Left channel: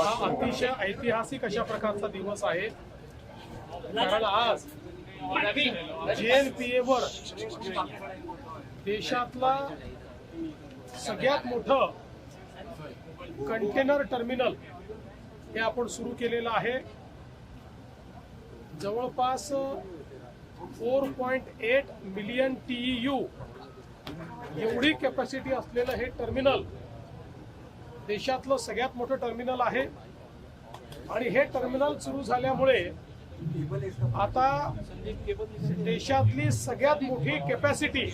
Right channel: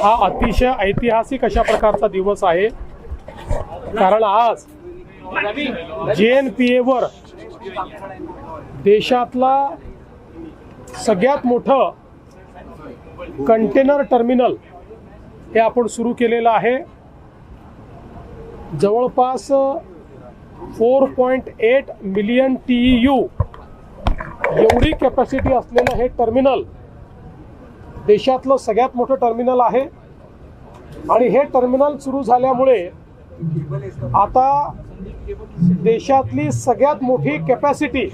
हा अतिशय ऐतिहासिक अशा प्रकारचा दिवस आहे, कारण आज JNPA वर देशातला सगळ्यात मोठं कंटेनर टर्मिनल हे आपण सुरू केलेलं आहे। जवळपास 4.8 मिलियन TEU एवढी कॅपॅसिटी असलेलं हे टर्मिनल देशातलं सगळ्यात मोठं टर्मिनल आहे। आणि हे टर्मिनल सुरू झाल्यामुळे आता देशातली सगळ्यात मोठी कॅपॅसिटी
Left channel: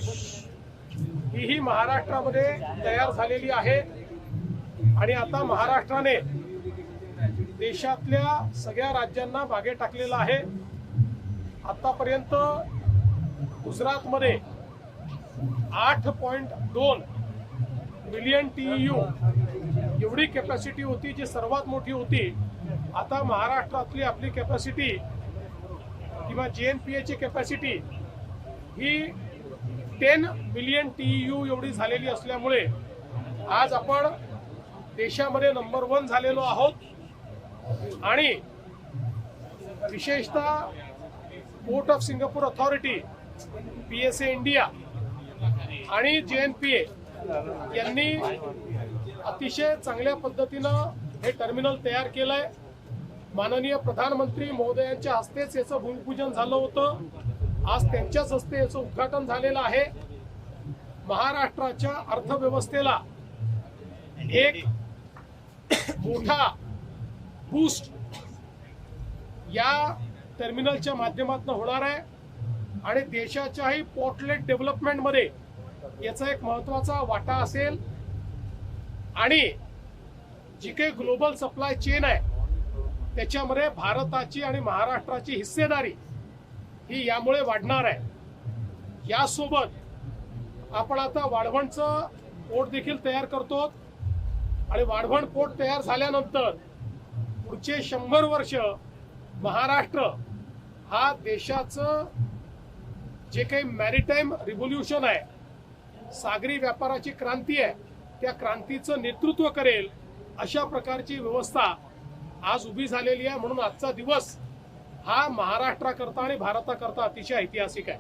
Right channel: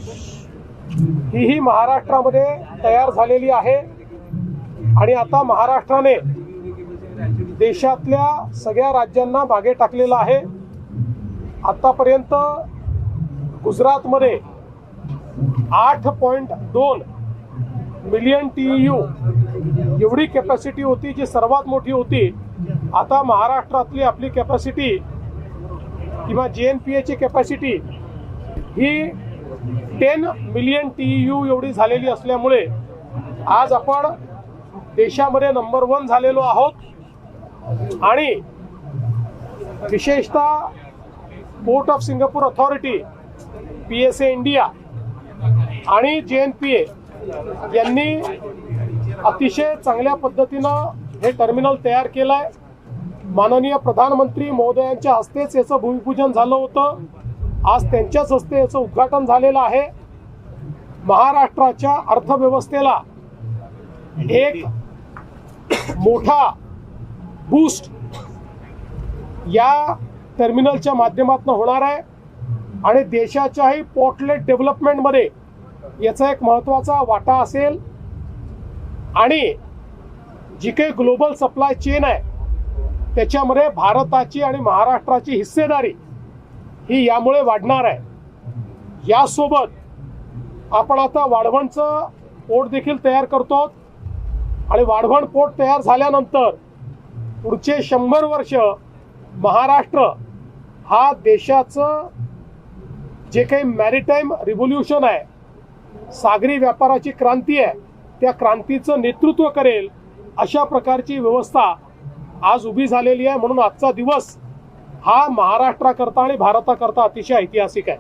ही महाराष्ट्रामध्ये तयार झालेली आहे। आणि आता महाराष्ट्राने देशातल्या सगळ्या राज्यांना मागे टाकलेलं आहे। आतापर्यंत गुजरातमध्ये 8.2 मिलियन TEU एवढी कॅपॅसिटी होती, जी सर्वात मोठी होती। आता महाराष्ट्रातली आपली कॅपॅसिटी किंवा JNPA ची कॅपॅसिटी ही 10 मिलियन TEU एवढी झालेली असल्यामुळे आज आपण देशामध्ये नंबर 1 झालेलो आहोत। आणि विशेषतः port of Singapore authority, PSA India आणि JNPA यांनी अतिशय चांगल्या पद्धतीनं हे टर्मिनल तयार केलंय। माननीय प्रधानमंत्री महोदयांच्या हस्तेच याचं भूमिपूजन झालं होतं। आज त्यांच्याच हस्ते याचं उद्घाटन झालेलं आहे। महाराष्ट्राच्या अर्थव्यवस्थेला एक मोठा बूस्ट या टर्मिनलच्या माध्यमातून होणार आहे आणि देशाच्याही पोर्टलेट डेव्हलपमेंटमध्ये याचा एक महत्त्वाचा वाटा असेल। आणि जी काही ग्लोबल सप्लाय चेन आहे त्याच्यामध्ये भारताची आणि महाराष्ट्राची हिस्सेदारी ही यामुळे वाढणार आहे। यासोबत आपण आता वाढवणचं पोर्ट देखील तयार करतो आणि वाढवण पोर्ट तयार झाल्यानंतर पुढचे 100 वर्ष महाराष्ट्र हा देशाचं जे काही मॅरिटाईम रिव्होल्यूशन आहे, सागरी व्यापाराची क्रांती आहे, त्या क्रांतीचं नेतृत्व करेल अशा प्रकारची व्यवस्था आज उभी झालेली आहे। म्हणून आजचा दिवस हा महाराष्ट्राकरता आणि भारताकरता अतिशय ऐतिहासिक आहे।